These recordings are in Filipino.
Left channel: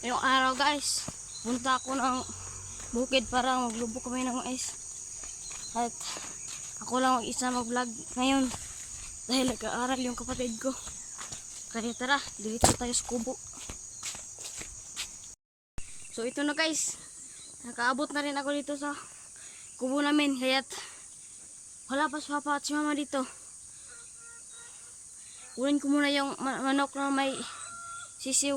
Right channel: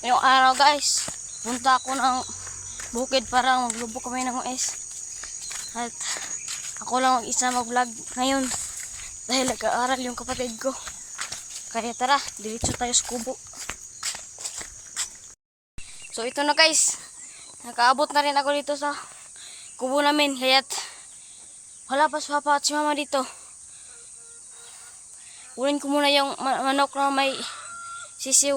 Yung araw guys, punta ako ng bukid para maglubok kami ng mais. At ako lang mag-isa mag-vlog ngayon dahil nag-aaral yung kapatid ko. Kaya tara, diretso tayo sa kubo. So ito na guys, nakaabot na rin ako dito sa kubo namin. Kaya't wala pa si Papa at si Mama dito. Kunin ko muna yung manok na may sisiw.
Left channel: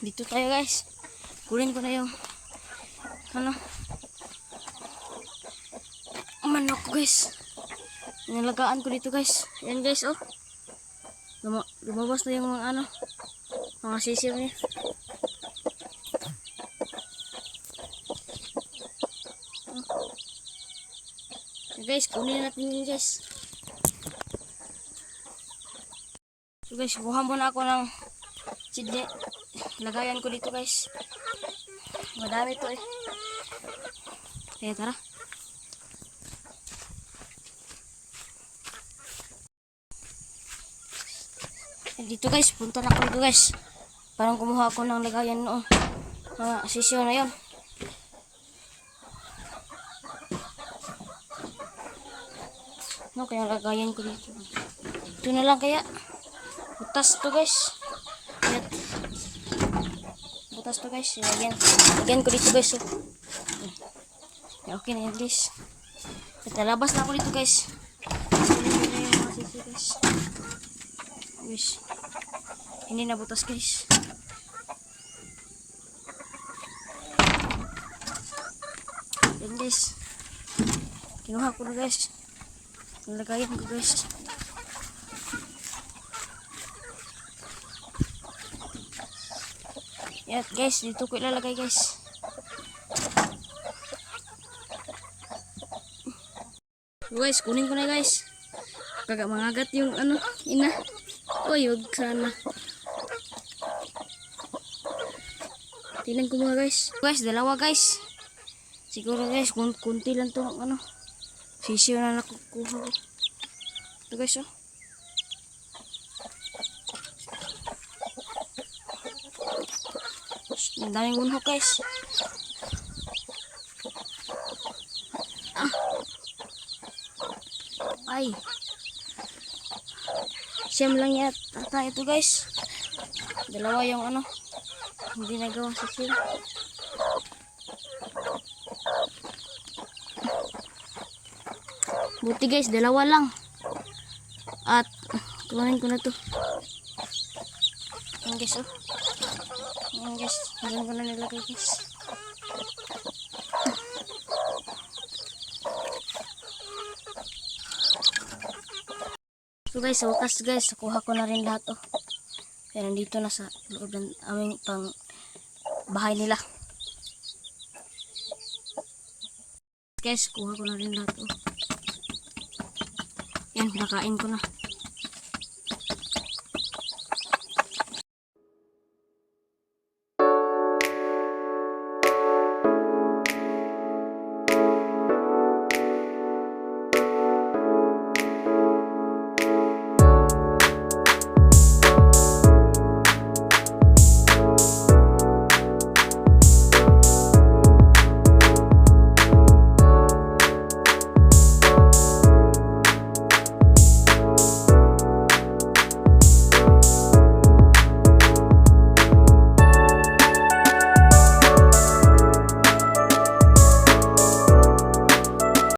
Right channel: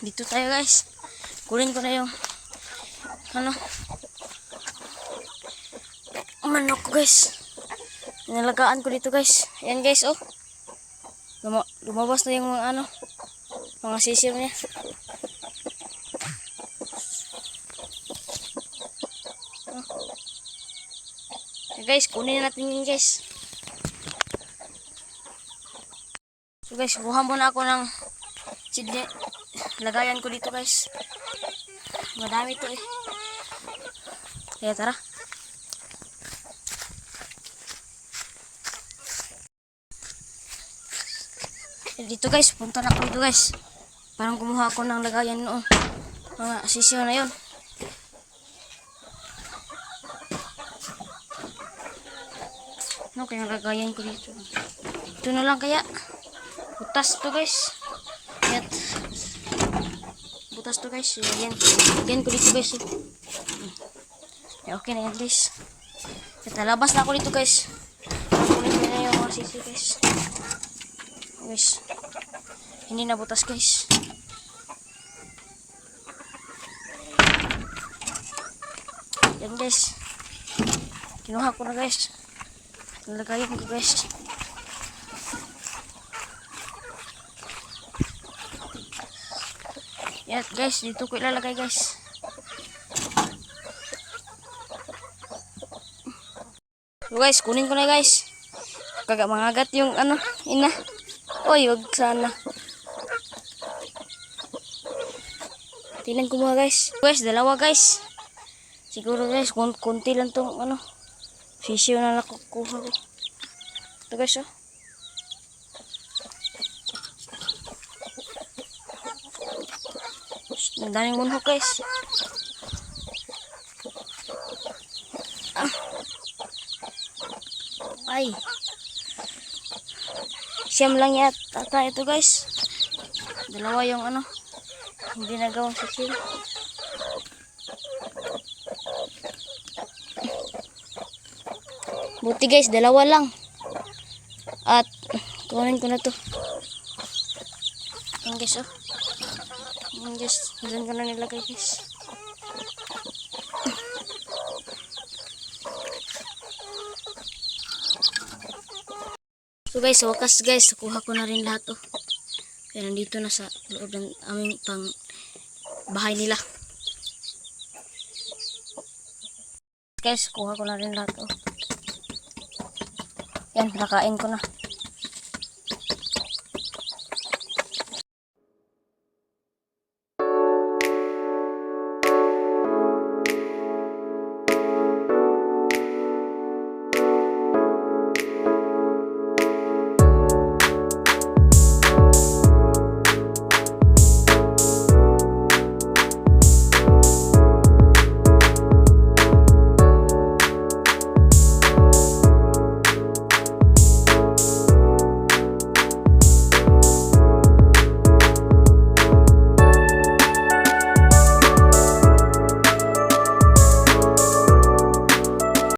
Dito tayo guys. Kunin ko na yung manok ko guys. Nalagaan ko dito guys. Ayan guys oh. Lumabas na yung mga sisiw niya. So guys, kunin natin yun guys. So guys, kuha muna ako ng sidle. Lagayan ko dito guys. Madami to eh. Kaya tara. Dito guys, punta na ako dito guys. Parang kumuha ako ng lagayan noon. Mga sisiyo na yon. No, kaya lagayan ko dito. Ito na lang kaya. Butas to guys. Ayan. Butas to guys. Lagyan ko dito guys. Okay na yan guys. Kita labas na ako dito guys. Kunin ko na yung mga sisiyo guys. Guys. Hindi na butas guys. Yan guys. Kinuha ko na guys. Nalagayan ko guys. Yan guys, dito ko ilalagay guys. So guys, kunin ko na guys. Kagak mangagat yung ina. Oy, wag sana. Tingnan ko mga guys. Guys, dalawa guys. Siguro guys, kunti lang tong fisyo na nakukuha ko. Ito guys oh. Ang daming bunhok guys. Ay. Siyam lang yata ito guys. Dalawa yung hindi nagawang sisiw. Buti guys, dalawa lang. At kunin ko na to. Yan guys oh. Yan guys, doon ko na nilagay guys. So guys, sa wakas guys, nakuha ko na rin lahat oh. Kaya nandito na sa loob ng aming pang bahay nila. Guys, kuha ko na rin lahat oh. Yan, nakain ko na.